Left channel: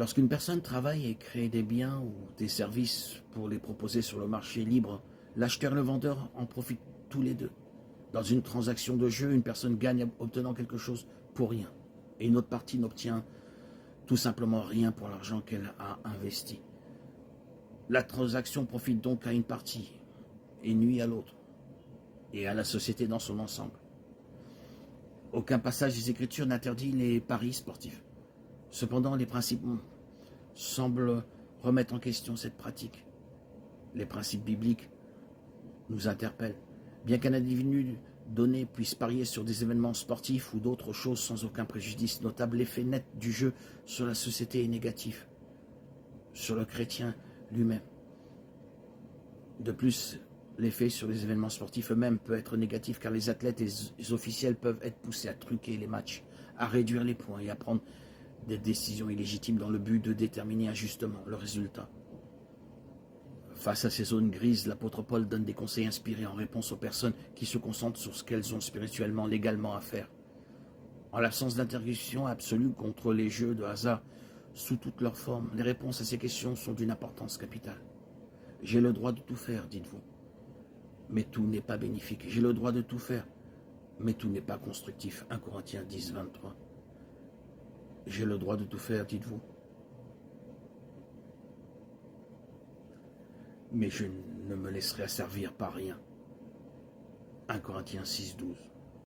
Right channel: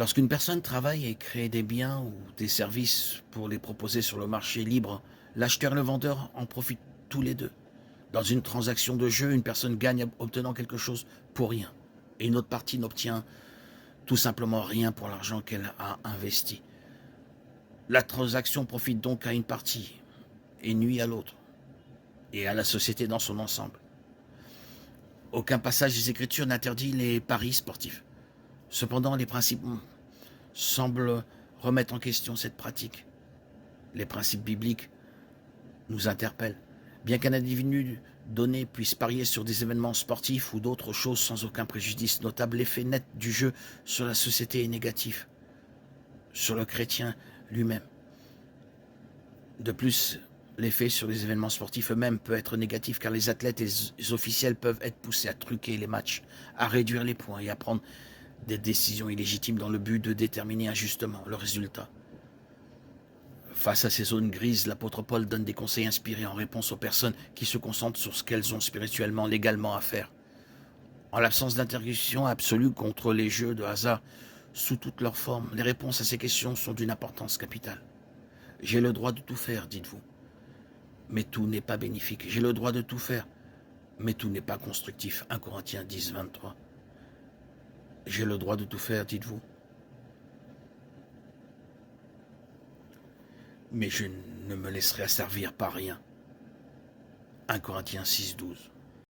Lorsqu'une personne travaille et crée des biens ou des services pour les proposer sur le marché libre, l'acheteur et le vendeur en profitent tous les deux. Dans une transaction de jeu, une personne gagne obtenant quelque chose pour rien, et une autre partie n'obtient tout simplement rien pour l'argent qu'elle a investi. La transaction profite donc à une partie et nuit à l'autre, et à la société dans son ensemble. Aucun passage des Écritures n'interdit les paris sportifs. Cependant, les principes semblent remettre en question cette pratique. Les principes bibliques nous interpellent. Bien qu'un individu donné puisse parier sur des événements sportifs ou d'autres choses sans aucun préjudice notable, l'effet net du jeu sur la société est négatif, sur le chrétien lui-même. De plus, l'effet sur les événements sportifs eux-mêmes peut être négatif car les athlètes et les officiels peuvent être poussés à truquer les matchs, à réduire les points et à prendre des décisions illégitimes dans le but de déterminer injustement le résultat. Face à ces zones grises, l'apôtre Paul donne des conseils inspirés en réponse aux personnes qui se concentrent sur ce qu'elles ont spirituellement, légalement à faire. En l'absence d'interdiction absolue contre les jeux de hasard sous toutes leurs formes, les réponses à ces questions sont d'une importance capitale. J'ai le droit de tout faire, dites-vous, mais tout n'est pas bénéfique. J'ai le droit de tout faire, mais tout n'est pas constructif. 1 Corinthiens 10, 23. J'ai le droit de tout faire, dites-vous, mais je ne me laisserai asservir par rien. 1 Corinthiens 6, 12.